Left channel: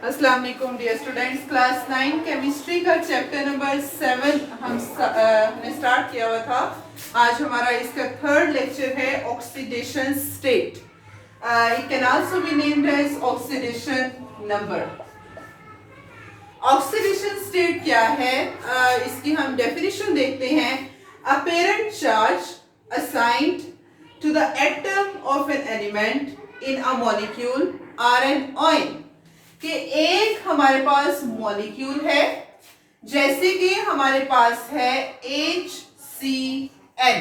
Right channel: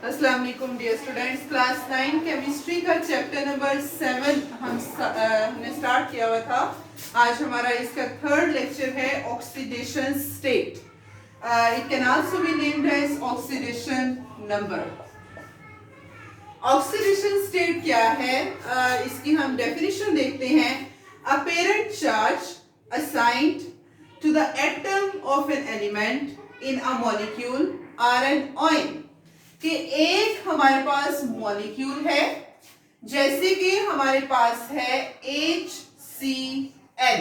अस्सलाम वालेकुम dear students. Class 9 chemistry का चैप्टर नंबर 7 हमने स्टार्ट किया हुआ था। आज हमारा इसका थर्ड लेक्चर है oxidation state. It can also be named as oxidation number. Oxidation state क्या है, इसकी हम डेफिनेशन देखते हैं। Apparent charge assigned to the atom of an element in a molecule or an ion. कि एक हमारे पास मॉलिक्यूल है, जैसे कि हमारे पास है HCl।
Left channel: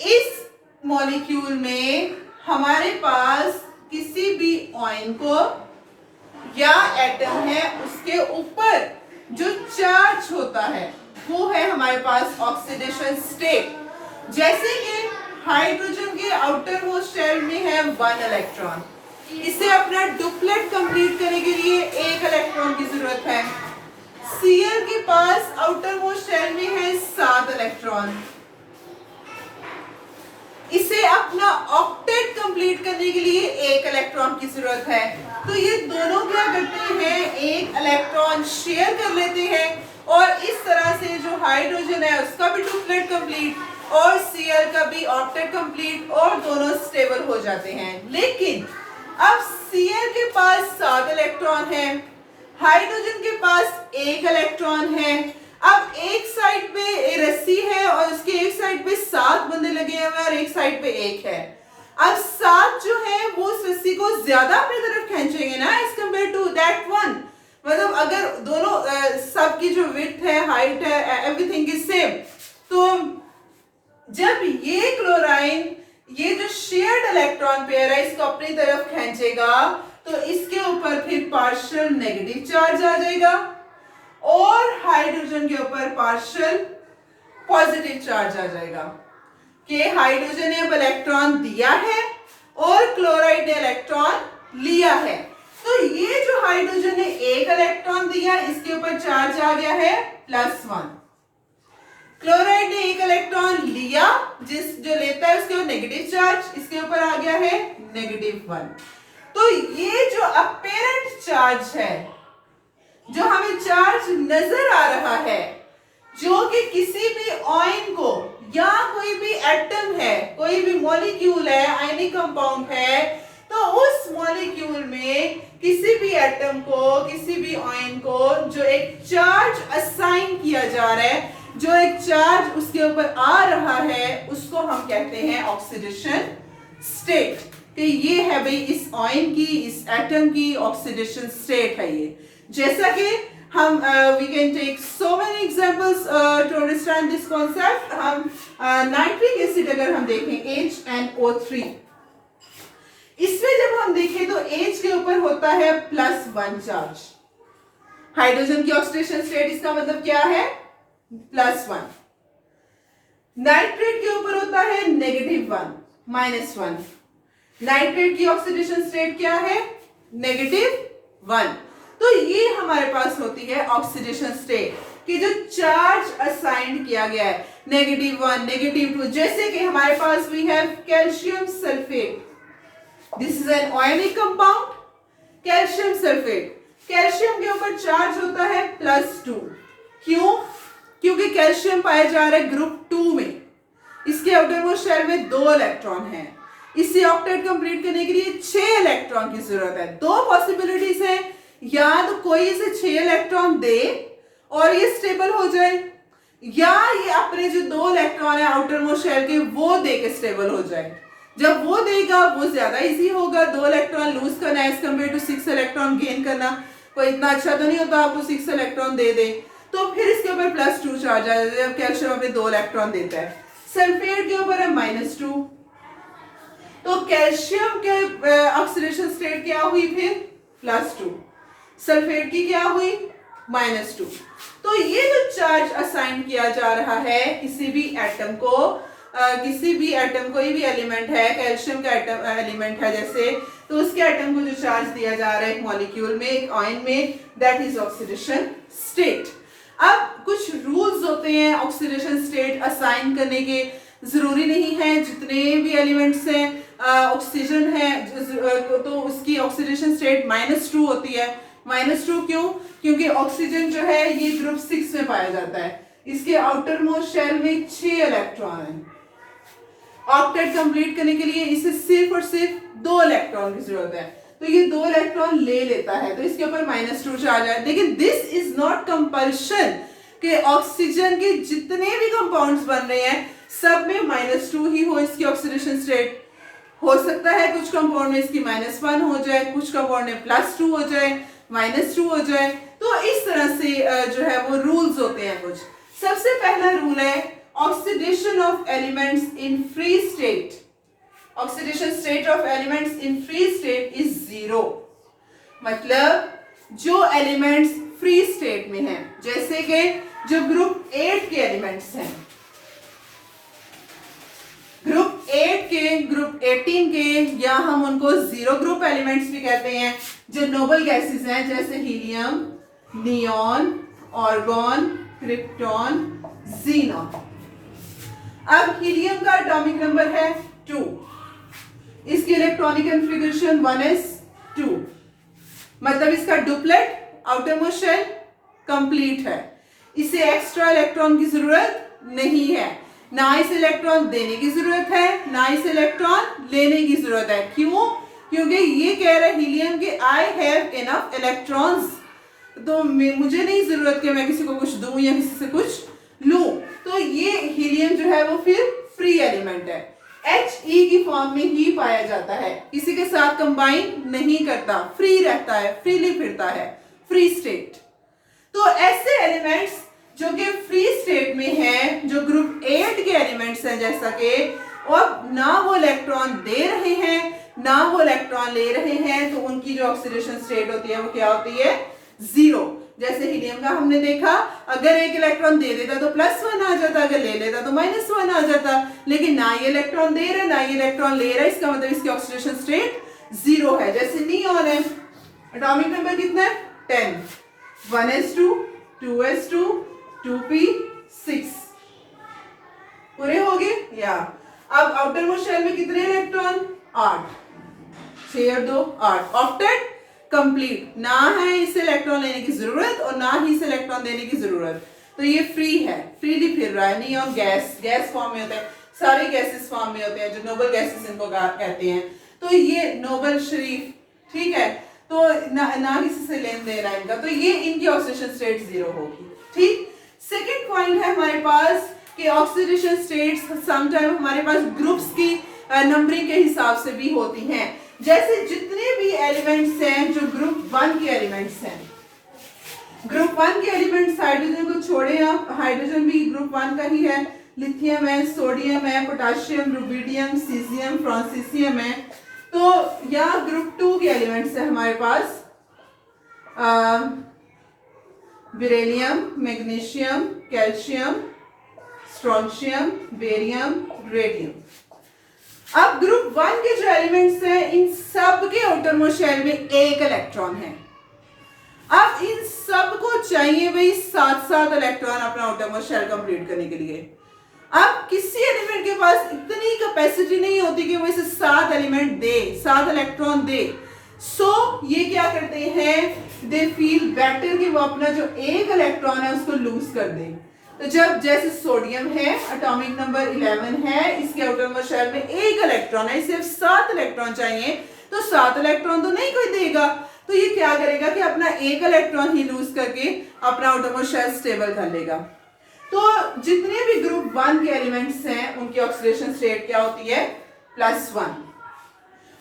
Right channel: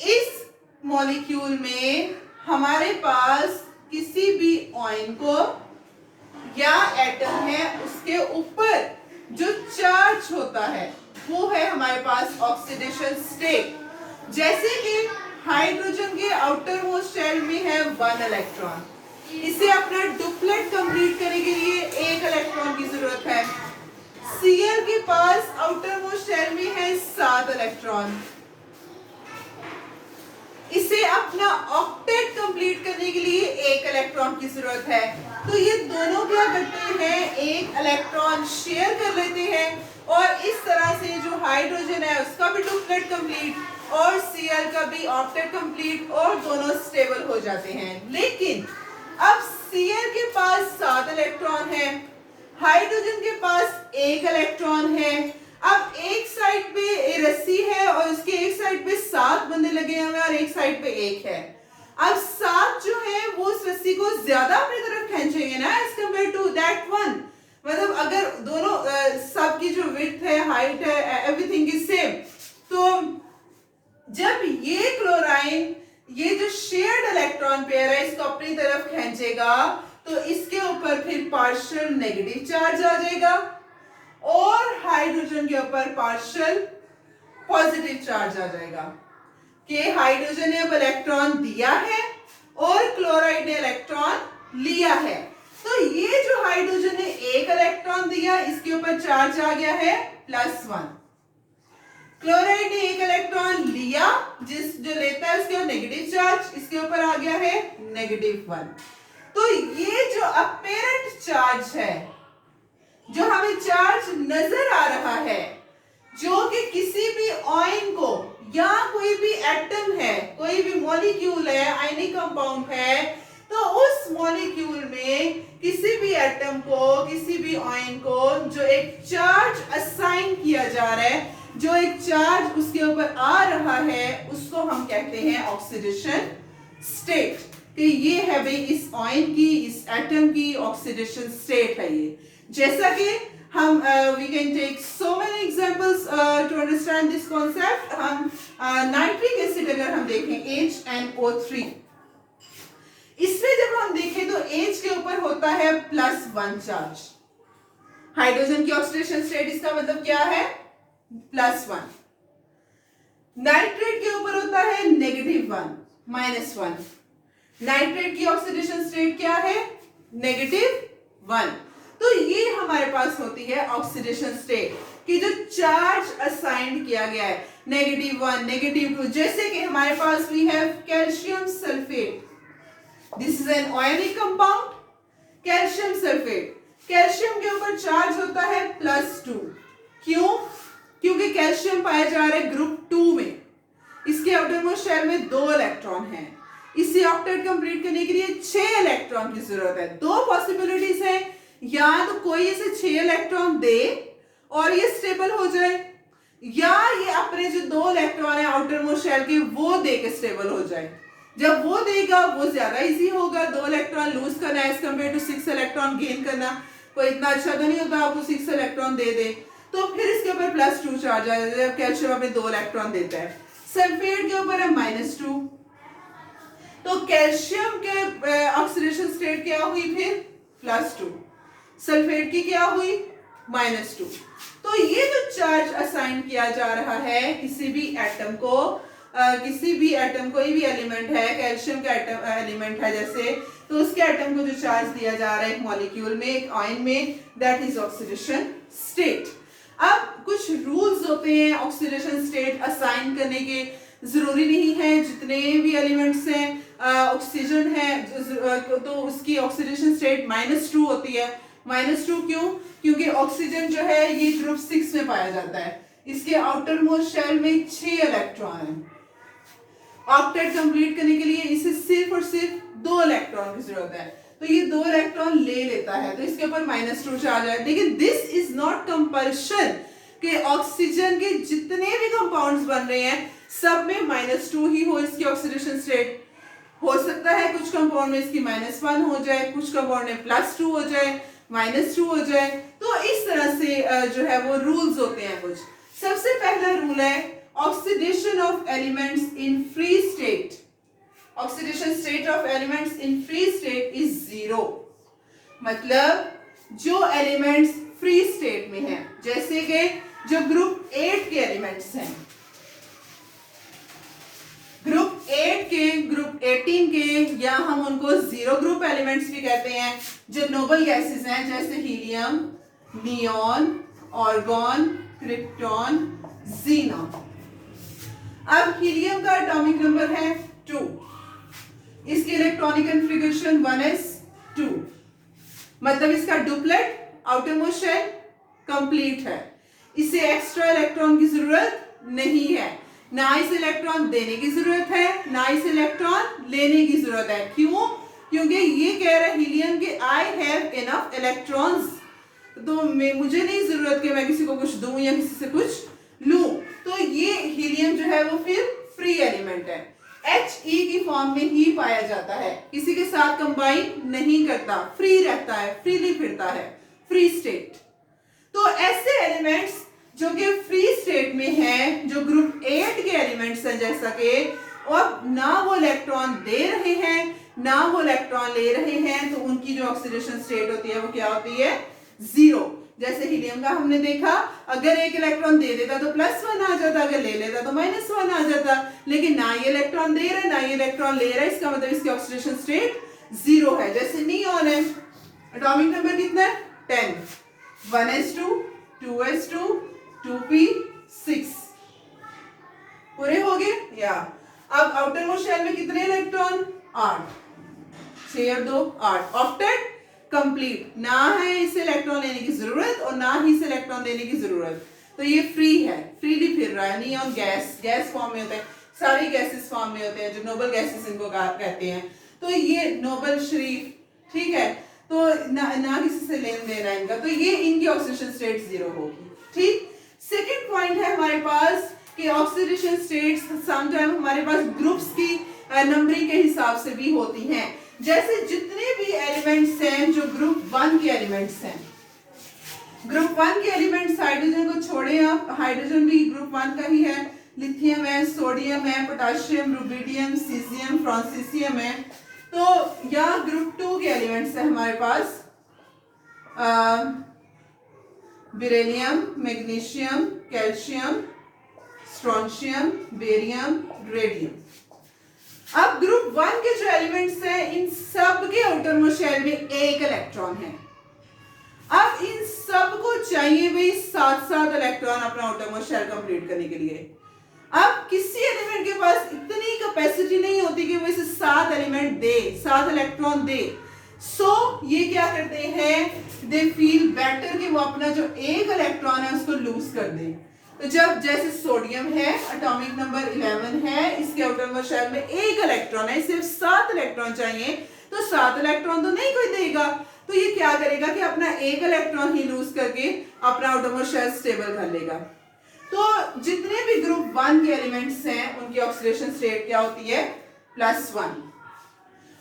इस मॉलिक्यूल में हमारे पास किसी भी आयन को या एटम है, उसके ऊपर जो चार्ज होता है वो है हमारे पास ऑक्सीडेशन स्टेट। जैसे कि हाइड्रोजन के आउटर मोस्ट शेल में है 1 इलेक्ट्रॉन, इसे अपना डुप्लेट कंप्लीट करने के लिए 1 इलेक्ट्रॉन की जरूरत है। Cl के पास आउटर मोस्ट शेल में है 7 इलेक्ट्रॉन, इसे अपना ऑक्टेट कंप्लीट करने के लिए 1 इलेक्ट्रॉन की जरूरत है। तो ये दोनों क्या करते हैं, 1 इलेक्ट्रॉन शेयर कर लेते हैं और इस तरह से जो हाइड्रोजन है उसका भी डुप्लेट कंप्लीट और Cl का भी ऑक्टेट कंप्लीट और दोनों स्टेबल हो जाते हैं। लेकिन अब Cl के पास 7 इलेक्ट्रॉन है, हाइड्रोजन के पास 1 इलेक्ट्रॉन है। अब एक साइड पे रस्सी है और उसके एक साइड पे 7 बंधे लगे हुए हैं और एक साइड पे 1 है। अब 7 जो है वो उस रस्सी को ज्यादा अपनी तरफ खींचेंगे ना एज कंपेयर टू दैट 1। मतलब अगर दोनों सबकी जो विड्थ है, हाइट है, एवरीथिंग इज सेम, तो जब ये क्लोराइन ये जो शेयर्ड इलेक्ट्रॉन पेयर है इसको अपनी तरफ खींचेगा तो इसके ऊपर फिर पार्शियल नेगेटिव चार्ज आ जाएगा और हाइड्रोजन के ऊपर पार्शियल पॉजिटिव चार्ज आ जाएगा कि हाइड्रोजन ने अब इलेक्ट्रॉन दिया है और क्लोराइड ने इलेक्ट्रॉन लिया है। तो ये जो हाइड्रोजन ने 1 इलेक्ट्रॉन दिया, इसके ऊपर चार्ज आ गया है +1। क्लोराइड ने 1 इलेक्ट्रॉन लिया, जो लेता है उसके ऊपर नेगेटिव चार्ज, इसके ऊपर आ गया है -1। तो ये जो अपेरेंट चार्ज है, जो हमें चार्ज नजर आ रहा है, जो कि किसी भी आयन को या कोई भी एटम है, कोई भी मॉलिक्यूल है, आयनिक कंपाउंड है, तो उस मॉलिक्यूल में किसी भी एटम को, किसी भी आयन को जो एक चार्ज असाइन किया जा रहा है, जो एक चार्ज उसके ऊपर आ रहा है, उसको हम कहते हैं ऑक्सीडेशन स्टेट। कि ये है भाई इस आयन की, इस एटम की ऑक्सीडेशन स्टेट है ये। जैसा कि हम we can take so many examples to understand this concept. हम नाइट्रिक एसिड अगर हम देखें HNO3, इसमें जब हम देखें तो H के ऊपर होता है +1 चार्ज। हाइड्रोजन की ऑक्सीडेशन स्टेट इसका मतलब क्या है, +1। नाइट्रेट के ऊपर होता है -1, -1। नाइट्रेट की ऑक्सीडेशन स्टेट क्या है, -1। तो ये हमारे पास होती है ऑक्सीडेशन स्टेट कि जो चार्ज असाइन किया गया है -1, -2। जैसे कि हमारे पास we have calcium sulphate, this is an ionic compound, calcium sulphate. Calcium के ऊपर चार्ज होता है +2। क्यों? क्योंकि कैल्शियम पाया जा रहा है ग्रुप 2 में, इसके आउटर मोस्ट शेल में 2 इलेक्ट्रॉन है, इसे ऑक्टेट कंप्लीट करने के लिए 6 इलेक्ट्रॉन की जरूरत है। 2 पॉसिबिलिटीज है, या तो कोई इसे 6 इलेक्ट्रॉन दे और ये स्टेबल हो जाए, या ये अपने जो 2 इलेक्ट्रॉन है आउटर मोस्ट शेल के वो दे के स्टेबल हो जाए। जब वो देगा वो ज्यादा इजी होगा, 2 इलेक्ट्रॉन लूज करना as compare to 6 electron gain करना कोई इतना अच्छा तो नहीं होता आपको 6 इलेक्ट्रॉन दे दे। तो फिर इसके ऊपर +2 चार्ज आ जाता है, कैल्शियम अभी 2 इलेक्ट्रॉन देता है। सल्फेट के ऊपर है -2, तो कैल्शियम के ऑक्सीडेशन स्टेट क्या हुई फिर +2, सल्फेट की क्या हुई -2। तो ये जो चार्ज असाइन किया जा रहा है किसी भी एटम को, किसी भी एटम, कोई भी एलिमेंट है, कैल्शियम का एटम एलिमेंट है जैसे, तो उसके एटम को जो चार्ज दिया जा रहा है एक मॉलिक्यूल में, एक आयन में, दैट इज ऑक्सीडेशन स्टेट। अब कुछ रूल्स होते हैं ऑक्सीडेशन स्टेट असाइन करने के। जरूरी नहीं है जितने भी एलिमेंट्स हैं ऑक्सीजन है तो उसकी ऑक्सीडेशन स्टेट -2 होती है। -2 क्यों? क्योंकि ऑक्सीजन जो है ये ग्रुप 6 में पाया जाता है, इसके आउटर मोस्ट शेल में 6 इलेक्ट्रॉन है। ऑक्टेट कंप्लीट करने के लिए इसे सिर्फ और सिर्फ 2 इलेक्ट्रॉन की जरूरत है, तो ये 2 इलेक्ट्रॉन ले लेता है, तो इसके ऊपर -2 चार्ज है। लेकिन दिस इज नॉट कंपल्शन कि ऑक्सीजन के जितने भी कंपाउंड्स बन रहे हैं सब में -2 ही हो इसकी ऑक्सीडेशन स्टेट। हो सकता है कुछ कंपाउंड में इसकी -1 हो जाए, कुछ कंपाउंड में +2 हो जाए, -2 हो जाए। तो इस तरह से जो है वो रूल्स होते हैं कुछ। सबसे पहला रूल है oxidation of elements in free state. Oxidation state of elements in free state is 0। मतलब जो एलिमेंट्स फ्री स्टेट में हैं, जैसे कि जो ग्रुप 8 के एलिमेंट्स हैं, ग्रुप 8 के, ग्रुप 18 के, या हम उनको 0 ग्रुप एलिमेंट्स भी कहते हैं, जो नोबल गैसेस हैं जैसे helium, neon, argon, krypton, xenon. अब हीलियम का एटॉमिक नंबर है 2, इसकी इलेक्ट्रॉनिक कॉन्फ़िगरेशन 1s2, मतलब इसका duplet outer most shell complete है, इसे एक्स्ट्रा इलेक्ट्रॉन की जरूरत नहीं है, ना इसे इलेक्ट्रॉन देने की जरूरत है ना इसे इलेक्ट्रॉन लेने की जरूरत है। क्यों? क्योंकि ये कह रहा है हीलियम कि आई हैव इनफ इलेक्ट्रॉन्स, तो मुझे नहीं जरूरत कि मैं किसी को कुछ दूं या किसी से कुछ लूं। तो ये हीलियम जो है वो फिर फ्री एलिमेंट है, He की फॉर्म में ही पाया जाता है, किसी के साथ कंबाइन नहीं करता, फ्री रहता है, फ्रीली फिरता है, फ्री स्टेट। तो ऐसे एलिमेंट्स जो कि फ्री स्टेट में हैं, जो ग्रुप 8 के एलिमेंट्स हैं जैसा कि, और ना वो इलेक्ट्रॉन दे रहे हैं ना वो इलेक्ट्रॉन ले रहे हैं, तो उनकी जो ऑक्सीडेशन स्टेट होती है वो क्या होती है? 0। जैसे हीलियम का हमने देखा, अगर एक इलेक्ट्रॉन दे देता तो +1 आ जाता, अगर ले लेता तो -1 आ जाता, लेकिन ना ये इलेक्ट्रॉन दे रहा है ना ये इलेक्ट्रॉन ले रहा है, इसका मतलब इसकी ऑक्सीडेशन स्टेट 0 है। जैसे नियॉन है, एटॉमिक नंबर कितना है? 10, 1s2, 2s2, 2p6 पूरे हो गए। या अब आउटर मोस्ट शेल में कितने इलेक्ट्रॉन? 8, 6 और 2 8। ऑक्टेट कंप्लीट, ना है इसे इलेक्ट्रॉन लेने की जरूरत और ना ही इसे इलेक्ट्रॉन देने की जरूरत, तो ये फ्री है, फ्रीली फिर रहा है। नियॉन गैस फॉर्म में होता है, सारे गैसेस फॉर्म में होते हैं, जो नोबल गैसेस इनको कहते हैं। तो ये नोबल शरीफ, ठीक है, तो ना किसी से लेन देन है इनका, तो ये इनकी ऑक्सीडेशन स्टेट 0 होगी। ठीक। सेकेंड पॉइंट है हमारे पास कि ऑक्सीडेशन स्टेट्स समटाइम हमारे पास ग्रुप्स की नंबरिंग के हिसाब से भी होती हैं। जैसे जितने भी एलिमेंट्स हैं जो ग्रुप 1 के एलिमेंट्स हैं, ग्रुप 1 के एलिमेंट्स, हाइड्रोजन को छोड़े आप, हाइड्रोजन भी ग्रुप 1 का ही है, लिथियम है, सोडियम है, पोटाशियम, रुबिडियम, सीजियम, फ्रांसीसियम है। तो यहाँ ग्रुप 2 के एलिमेंट्स है हमारे पास beryllium, magnesium, calcium, strontium, barium, radium. अब ग्रुप 1 के जो एलिमेंट्स हैं इन सब के आउटर मोस्ट शेल में 1 इलेक्ट्रॉन है। अब इन सब को चाहिए भाई 7 इलेक्ट्रॉन अपना आउटर मोस्ट शेल कंप्लीट करने के लिए। अब किसी एलिमेंट के पास इतनी कैपेसिटी नहीं होती कि वो इसे 7 एलिमेंट दे, 7 इलेक्ट्रॉन दे। सो ये क्या करते हैं, दे फील बेटर कि वो अपना जो 1 इलेक्ट्रॉन है उसको लूज कर दे। तो जब जैसे सोडियम है, एटॉमिक नंबर 11 है, इसके आउटर मोस्ट शेल में 1 इलेक्ट्रॉन है, सिर्फ 7 इलेक्ट्रॉन चाहिए, तो 7 इलेक्ट्रॉन तो नहीं कोई देगा, तो ये क्या करेगा कि अपना 1 इलेक्ट्रॉन ही लूज करके अपना आउटर मोस्ट शेल स्टेबल कर लेगा। तो जितने भी ग्रुप 1 के एलिमेंट्स हैं उनकी ऑक्सीडेशन स्टेट क्या होती है? +1।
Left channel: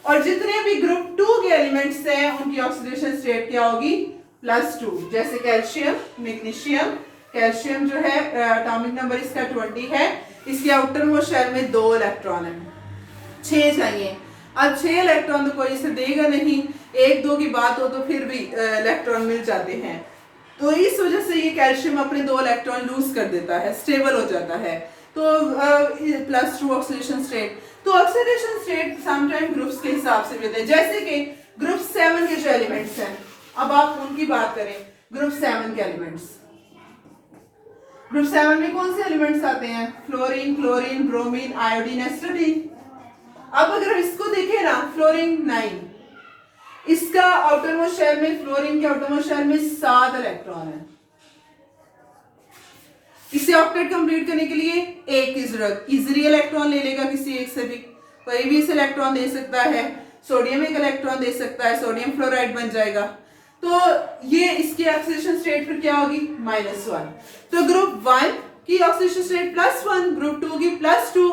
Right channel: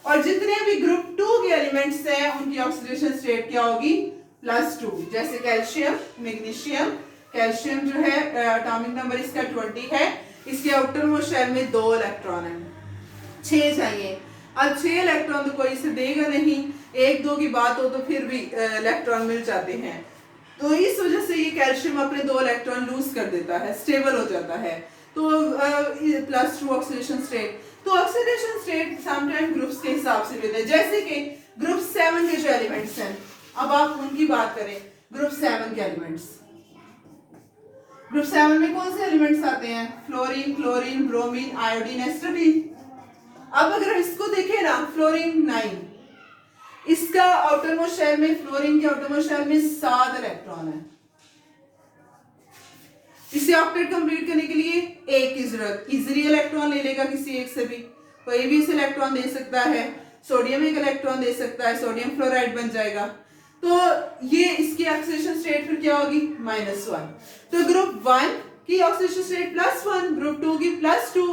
और जितने भी ग्रुप 2 के एलिमेंट्स हैं उनकी ऑक्सीडेशन स्टेट क्या होगी? +2। जैसे कैल्शियम, मैग्नीशियम, कैल्शियम जो है एटॉमिक नंबर इसका 20 है, इसके आउटर मोस्ट शेल में 2 इलेक्ट्रॉन है, 6 चाहिए। अब 6 इलेक्ट्रॉन तो कोई इसे देगा नहीं, 1-2 की बात हो तो फिर भी इलेक्ट्रॉन मिल जाते हैं, तो इस वजह से ये कैल्शियम अपने 2 इलेक्ट्रॉन लूज कर देता है, स्टेबल हो जाता है। तो +2 ऑक्सीडेशन स्टेट। तो ऑक्सीडेशन स्टेट समटाइम ग्रुप्स के हिसाब से भी होते हैं, जैसे कि ग्रुप 7 के जो एलिमेंट्स हैं, अब आप उनकी बात करें, ग्रुप 7 के एलिमेंट्स, ग्रुप 7 में कौन से एलिमेंट्स आते हैं? Fluorine, chlorine, bromine, iodine, astatine. अब अगर हम इसको देखें ना, फ्लोरीन 9, इसका आउटर मोस्ट शेल में, फ्लोरीन के आउटर मोस्ट शेल में 7 इलेक्ट्रॉन है। इसे ऑक्टेट कंप्लीट करने के लिए एक की जरूरत, इजीली इलेक्ट्रॉन ले लेगा किसी एक से भी, कोई भी इसे इलेक्ट्रॉन दे सकता है। सोडियम एक इलेक्ट्रॉन दे सकता है, सोडियम फ्लोराइड बन जाएगा। तो ये इसकी ऑक्सीडेशन स्टेट फिर क्या होगी? -1। तो ग्रुप 1 की ऑक्सीडेशन स्टेट +1, ग्रुप 2 की +2,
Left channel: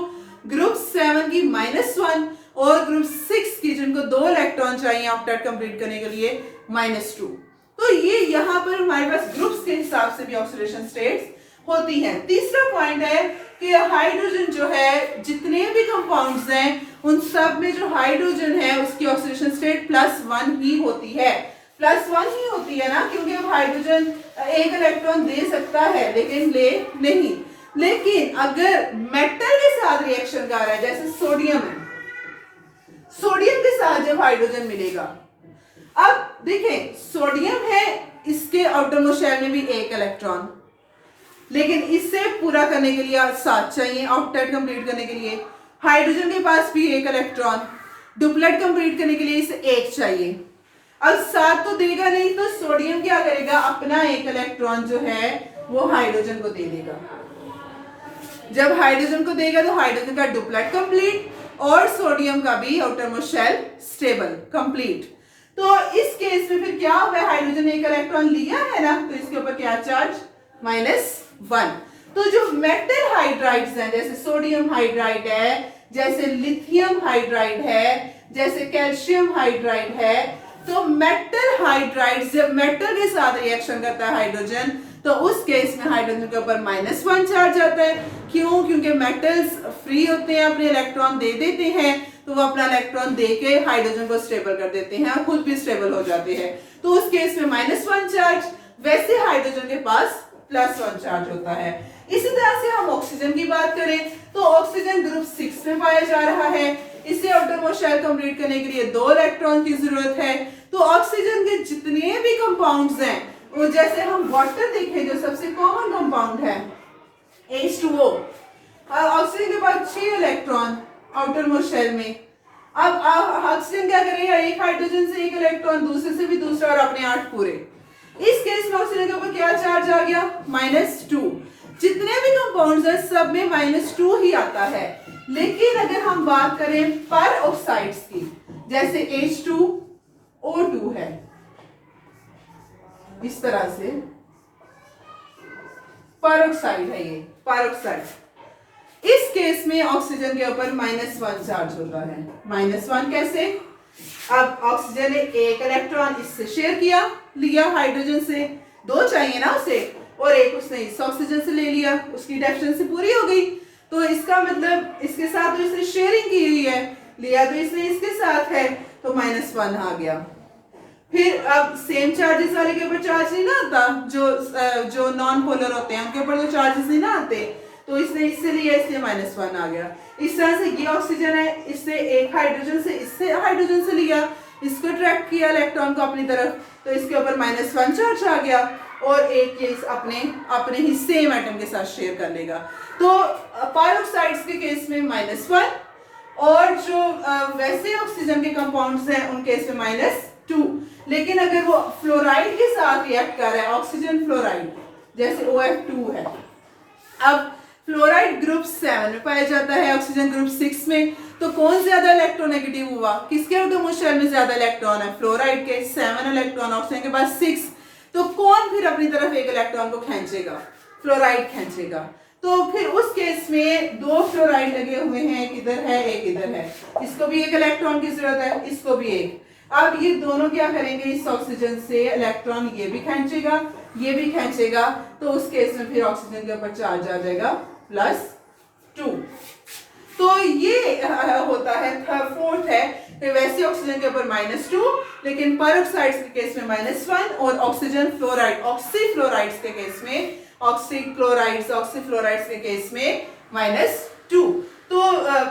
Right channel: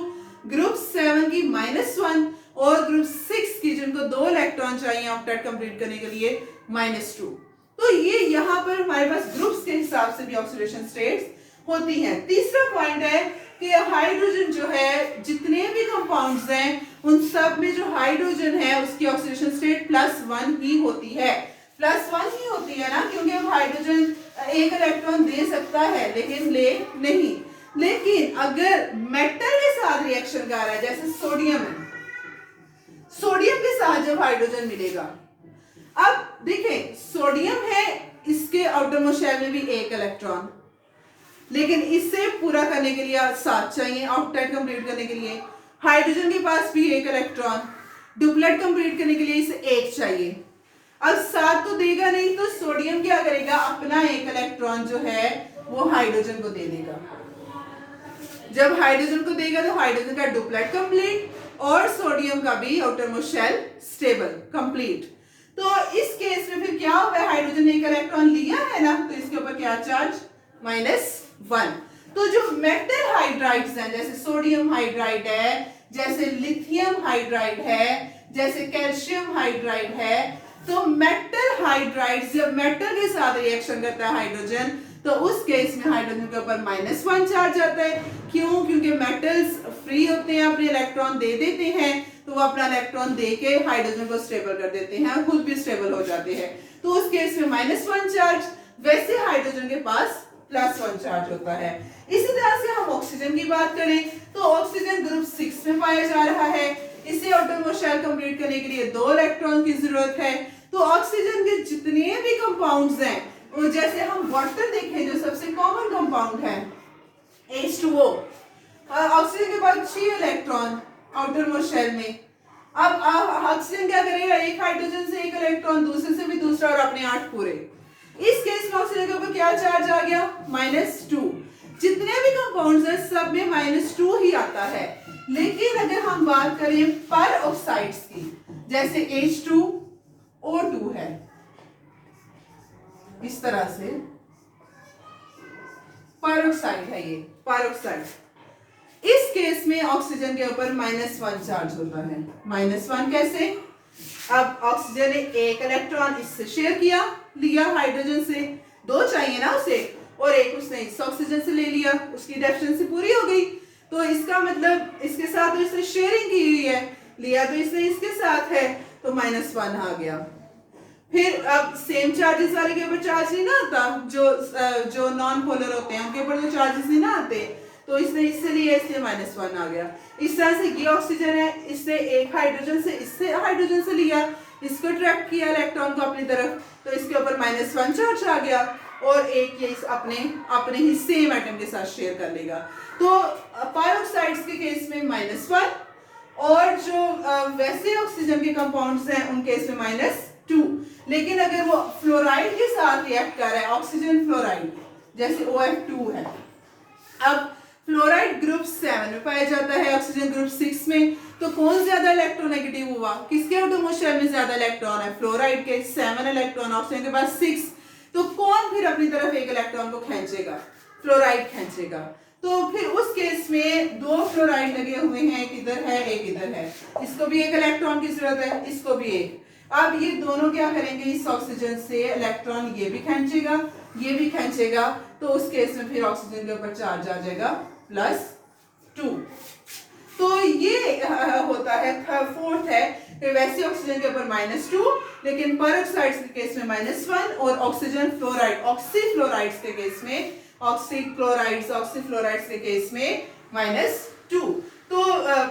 ग्रुप 7 की -1 और ग्रुप 6 की, जिनको 2 इलेक्ट्रॉन चाहिए ऑक्टेट कंप्लीट करने के लिए, -2। तो ये यहाँ पर हमारे पास ग्रुप्स के हिसाब से भी ऑक्सीडेशन स्टेट्स होती है। तीसरा पॉइंट है कि हाइड्रोजन जो है, जितने भी कंपाउंड्स हैं उन सब में जो हाइड्रोजन है उसकी ऑक्सीडेशन स्टेट +1 ही होती है। +1 ही होती है ना, क्योंकि अब हाइड्रोजन एक इलेक्ट्रॉन दे सकता है लेकिन ले नहीं। लेकिन अगर मेटल के साथ रिएक्शन कर रहा है, जैसे सोडियम है, सोडियम के साथ जब हाइड्रोजन मिलेगा, अब देखें सोडियम है, इसके आउटर मोस्ट शेल में भी एक इलेक्ट्रॉन, लेकिन इससे पूरा करने के लिए 7 चाहिए ऑक्टेट कंप्लीट करने के लिए। हाइड्रोजन के पास भी एक इलेक्ट्रॉन, डुप्लेट कंप्लीट करने के लिए इसे 1 चाहिए। अब 7 तो देगा नहीं, तो सोडियम क्या करेगा? अपना एक इलेक्ट्रॉन जो है वो हाइड्रोजन को दे देगा। जब हाइड्रोजन को देगा तो हाइड्रोजन का डुप्लेट कंप्लीट और सोडियम का भी outer most shell stable complete. तो इस केस में फिर क्या हुआ? हाइड्रोजन ने एक इलेक्ट्रॉन लिया है ना, तो इसके ऊपर क्या चार्ज? -1। तो जो मेटल हाइड्राइड्स हैं, जैसे सोडियम हाइड्राइड है, जैसे लिथियम हाइड्राइड है, जैसे कैल्शियम हाइड्राइड है, तो मेटल हाइड्राइड्स जब मेटल के साथ रिएक्शन करता है हाइड्रोजन, तो उस केस में हाइड्रोजन के ऊपर -1 चार्ज आता है। क्यों? क्योंकि मेटल्स फ्री होते हैं, अपने इलेक्ट्रॉन दे देते हैं, तो वो अपना इलेक्ट्रॉन देके हाइड्रोजन को स्टेबल कर देते हैं और खुद भी स्टेबल हो जाते हैं। तो उस केस में -1 चार्ज, वैसे हाइड्रोजन के पास +1 चार्ज होता है। इसी तरह से हम ऑक्सीजन की बात करें तो ऑक्सीजन ग्रुप 6 में पाया जा रहा है। इसे आउटर मोस्ट शेल कंप्लीट करने के लिए 2 इलेक्ट्रॉन की जरूरत है। तो ऑक्सीजन के जितने भी कंपाउंड्स हैं, वो जैसे हम वाटर देखें जो सबसे कॉमन कंपाउंड है H2O, ऑक्सीजन के पास 6 इलेक्ट्रॉन आउटर मोस्ट शेल में। अब ऑक्सीजन क्या करेगा? एक हाइड्रोजन से एक इलेक्ट्रॉन, दूसरे से भी दूसरा और अपने 8 पूरे। इस केस में ऑक्सीजन के ऊपर क्या चार्ज आ गया? -2। जितने भी कंपाउंड्स हैं सब में -2 ही आता है। लेकिन अगर हम बात करें पर ऑक्साइड्स की, जैसे H2O2 है, इस तरह से पर-ऑक्साइड है, ये पर-ऑक्साइड। इस केस में ऑक्सीजन के ऊपर -1 चार्ज होता है। -1 कैसे? अब ऑक्सीजन ने एक इलेक्ट्रॉन इससे शेयर किया, लिया हाइड्रोजन से, 2 चाहिए ना उसे, और एक उसने इस ऑक्सीजन से ले लिया, उसकी डेफिशिएंसी पूरी हो गई। तो इसका मतलब इसके साथ तो इसने शेयरिंग की हुई है, लिया तो इसने इसके साथ है, तो -1 आ गया। फिर अब सेम चार्जेस वाले के ऊपर चार्ज नहीं ना आता, जो नॉन पोलर होते हैं उनके ऊपर जो चार्जेस नहीं ना आते, तो इसने इससे लिया, इसलिए -1 आ गया। इस तरह से ये ऑक्सीजन है, इससे एक हाइड्रोजन से, इससे हाइड्रोजन से लिया, इसको अट्रैक्ट किया इलेक्ट्रॉन को अपनी तरफ, तो इसके ऊपर -1 चार्ज आ गया, और एक केस अपने ही सेम एटम के साथ शेयर कर लेगा। तो पर-ऑक्साइड्स के केस में -1, और जो वैसे ऑक्सीजन के कंपाउंड्स हैं उन केस में -2। लेकिन अगर वो फ्लोराइड के साथ रिएक्ट कर रहा है, ऑक्सीजन फ्लोराइड, जैसे OF2 है, अब फ्लोराइड ग्रुप 7 में पाया जाता है, ऑक्सीजन ग्रुप 6 में, तो कौन ज्यादा इलेक्ट्रोनेगेटिव हुआ? किसके आउटर मोस्ट शेल में ज्यादा इलेक्ट्रॉन है? फ्लोराइड के 7 इलेक्ट्रॉन, ऑक्सीजन के पास 6। तो कौन फिर अपनी तरफ एक इलेक्ट्रॉन को खींचेगा? फ्लोराइड खींचेगा। तो फिर उस केस में 2 फ्लोराइड लगे हुए हैं, एक इधर है एक इधर है, इसको भी एक इलेक्ट्रॉन की जरूरत है, इसको भी एक। अब ये दोनों क्या करेंगे? इस ऑक्सीजन से इलेक्ट्रॉन ये भी खींचेगा, ये भी खींचेगा, तो उस केस में फिर ऑक्सीजन के ऊपर चार्ज आ जाएगा +2। तो ये होता है फोर्थ है कि वैसे ऑक्सीजन के ऊपर -2, लेकिन पर-ऑक्साइड्स के केस में -1, और ऑक्सीजन फ्लोराइड, ऑक्सीफ्लोराइड्स के केस में, ऑक्सीफ्लोराइड्स के केस में -2, तो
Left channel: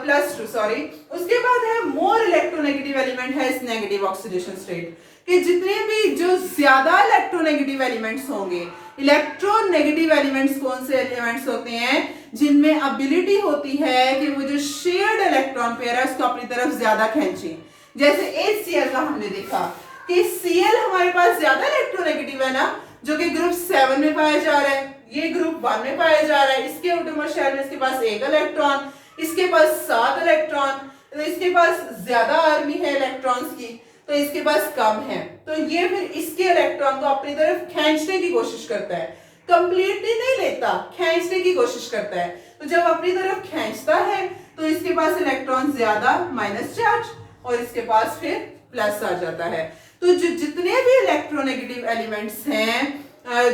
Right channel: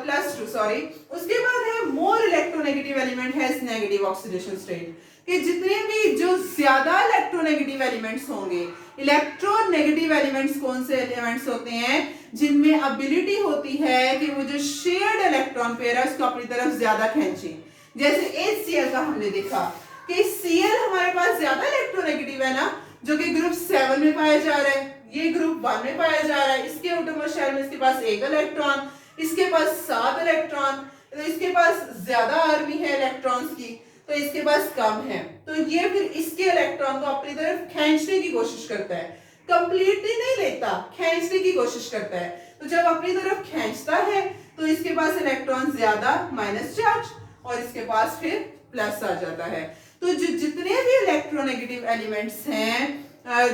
+2 सॉरी। उसके बाद है more electronegative element has negative oxidation state. कि जितने भी जो ज्यादा इलेक्ट्रोनेगेटिव एलिमेंट्स होंगे, इलेक्ट्रोनेगेटिव एलिमेंट्स कौन से एलिमेंट्स होते हैं जिनमें एबिलिटी होती है कि वो जो शेयर्ड इलेक्ट्रॉन पेयर है उसको अपनी तरफ ज्यादा खींचे। जैसे HCl का हमने देखा कि Cl हमारे पास ज्यादा इलेक्ट्रोनेगेटिव है ना, जो कि ग्रुप 7 में पाया जा रहा है, ये ग्रुप 1 में पाया जा रहा है। इसके आउटरमोस्ट शेल में इसके पास 1 इलेक्ट्रॉन, इसके पास 7 इलेक्ट्रॉन, तो इसके पास ज्यादा आर्मी है इलेक्ट्रॉन्स की, तो इसके पास कम है। तो ये फिर इसके इलेक्ट्रॉन को अपनी तरफ खींचने की कोशिश करता है, कंप्लीटली नहीं लेता, खींचने की कोशिश करता है। तो जब अपनी तरफ खींचता है तो इसके पास इलेक्ट्रॉन ज्यादा माइनस चार्ज और इसके पास फिर प्लस आ जाता है। तो जो जितने भी इलेक्ट्रोनेगेटिव एलिमेंट्स हैं,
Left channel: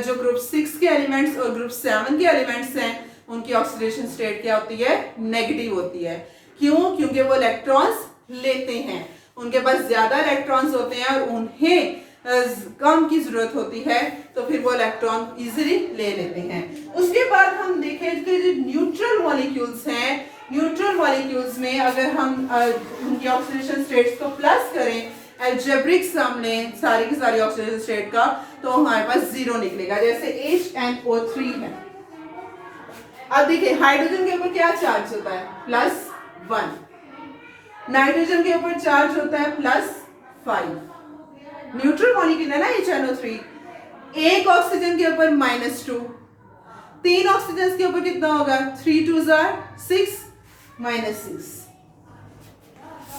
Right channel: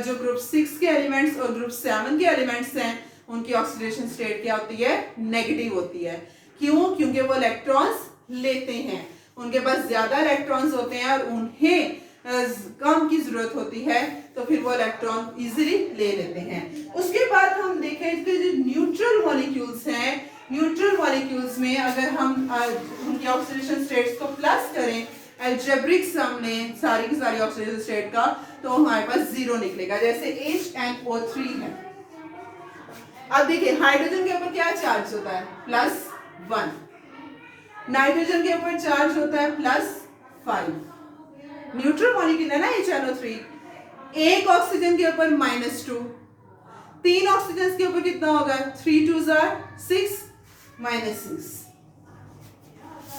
जो ग्रुप 6 के एलिमेंट्स और ग्रुप 7 के एलिमेंट्स हैं, उनकी ऑक्सीडेशन स्टेट क्या होती है? नेगेटिव होती है। क्यों? क्योंकि वो इलेक्ट्रॉन्स लेते हैं, उनके पास ज्यादा इलेक्ट्रॉन्स होते हैं और उन्हें कम की जरूरत होती है, तो फिर वो इलेक्ट्रॉन इजीली ले लेते हैं। उसके बाद हम देखें कि जो न्यूट्रल मॉलिक्यूल्स हैं, न्यूट्रल मॉलिक्यूल्स में अगर हम उनकी ऑक्सीडेशन स्टेट्स को प्लस करें अलजेब्रिक सम लें सारी की सारी ऑक्सीडेशन स्टेट का, तो हमारे पास 0 निकलेगा। जैसे HNO3 है। अब देखिए हाइड्रोजन के ऊपर क्या चार्ज होता है? +1। नाइट्रोजन के ऊपर चार्ज होता है +5। न्यूट्रल मॉलिक्यूल है ना HNO3। एक ऑक्सीजन के ऊपर -2, 3 ऑक्सीजन के ऊपर कितना होगा? 3 2s are 6 -6।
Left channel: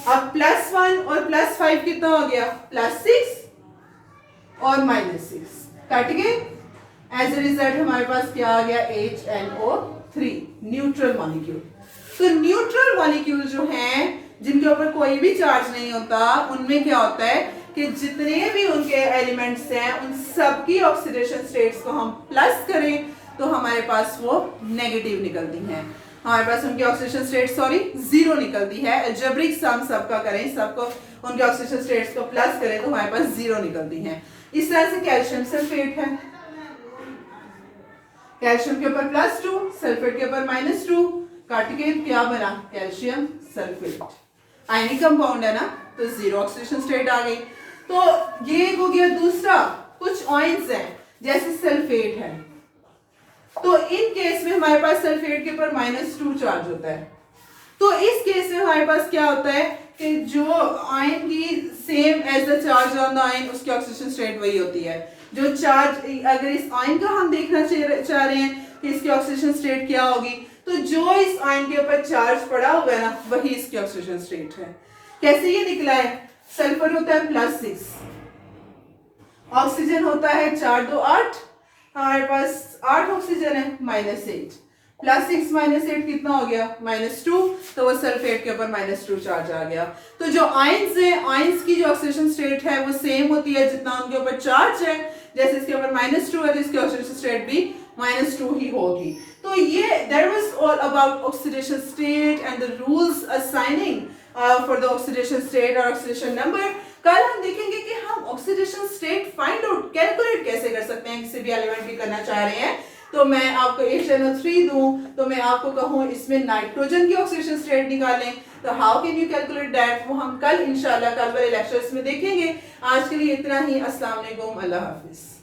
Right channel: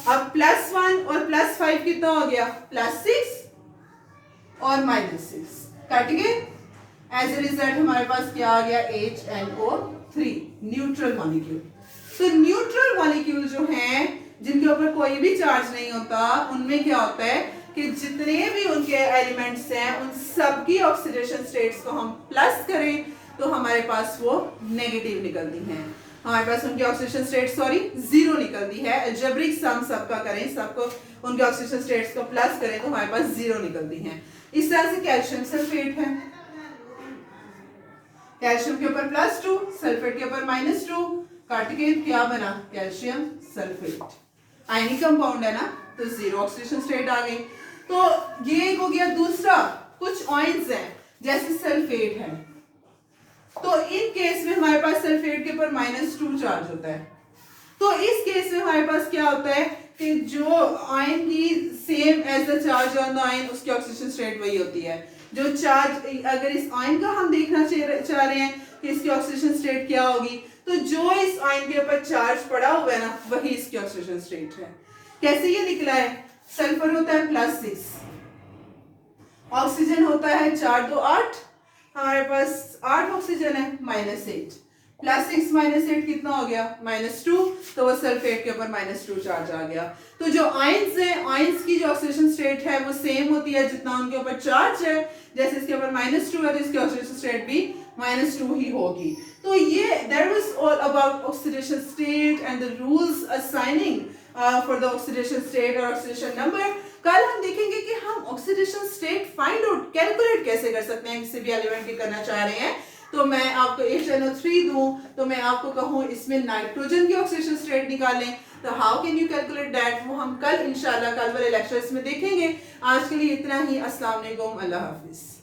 अब +1 और +5 कितना हो गया? +6 और -6 कट गए। एज ए रिजल्ट हमारे पास क्या आ गया? HNO3 neutral molecule. तो न्यूट्रल मॉलिक्यूल जो हैं जिनके ऊपर कोई भी चार्ज नहीं होता, उनमें क्या होता है कि जितने भी उनके एलिमेंट्स हैं उन सबकी ऑक्सीडेशन स्टेट्स को हम प्लस करें तो हमारे पास वो नेगेटिव निकलती हैं। हमारे पास उनकी ऑक्सीडेशन स्टेट 0 निकलती है। अलजेब्रिक सम सबका करें, सबको उनके ऑक्सीडेशन स्टेट्स को प्लस करें तो हमारे पास 0 निकलती हैं। इस तरह से कैल्शियम सल्फेट है, कैल्शियम के ऊपर +2, सल्फेट के ऊपर -2, काट के क्या बना? Calcium sulphate. आयनिक कंपाउंड है ना, तो 0 ऑक्सीडेशन स्टेट आ गई। तो ये हो गया दूसरा। कुछ आयंस हैं जैसे सल्फेट है, तो इन केस में हमारे पास सल्फेट के ऊपर -2 चार्ज होता है। तो इस केस में हमारे पास क्या होता है कि जो आयन की same as the charge on the ion, उसकी ऑक्सीडेशन स्टेट वही होती है। जो चार्ज, अगर इस आयन का हम देखना चाह रहे हैं कि इसकी ऑक्सीडेशन स्टेट क्या होगी, तो जो इस आयन के ऊपर चार्ज पड़ा हुआ है ना, वही इसकी ऑक्सीडेशन स्टेट है। कैसे ये निकला है? सल्फर होता है +6, ऑक्सीजन होता है 4 2 8, हमारे पास 8 ऑक्सीजन है -8, +6 -8 कितना हो गया? -2, तो वो सल्फेट के ऊपर -2 चार्ज आ गया। तो जो आयंस हैं, आयंस की जो ऑक्सीडेशन स्टेट है वो सेम होती है जितना उनके ऊपर चार्ज है। जैसे इसके ऊपर -2 है तो इसकी ऑक्सीडेशन स्टेट भी -2 ही होगी। तो ये that was all about oxidation state and the rules assigning for the oxidation state or oxidation number। कल हम देखेंगे कि हम oxidation state find out calculate कैसे कर सकते हैं किसी भी एलिमेंट की करना चाह रहे हैं। तो मैं आपको HNO3 दूं तो मैं आपको कहूं इसमें नाइट्रोजन की ऑक्सीडेशन स्टेट निकालें, तो how can you calculate that, वो हम कल इंशाल्लाह कल वाले लेक्चर्स में देखेंगे। आज के लिए इतना ही। अस्सलाम वालेकुम, अल्लाह हाफिज।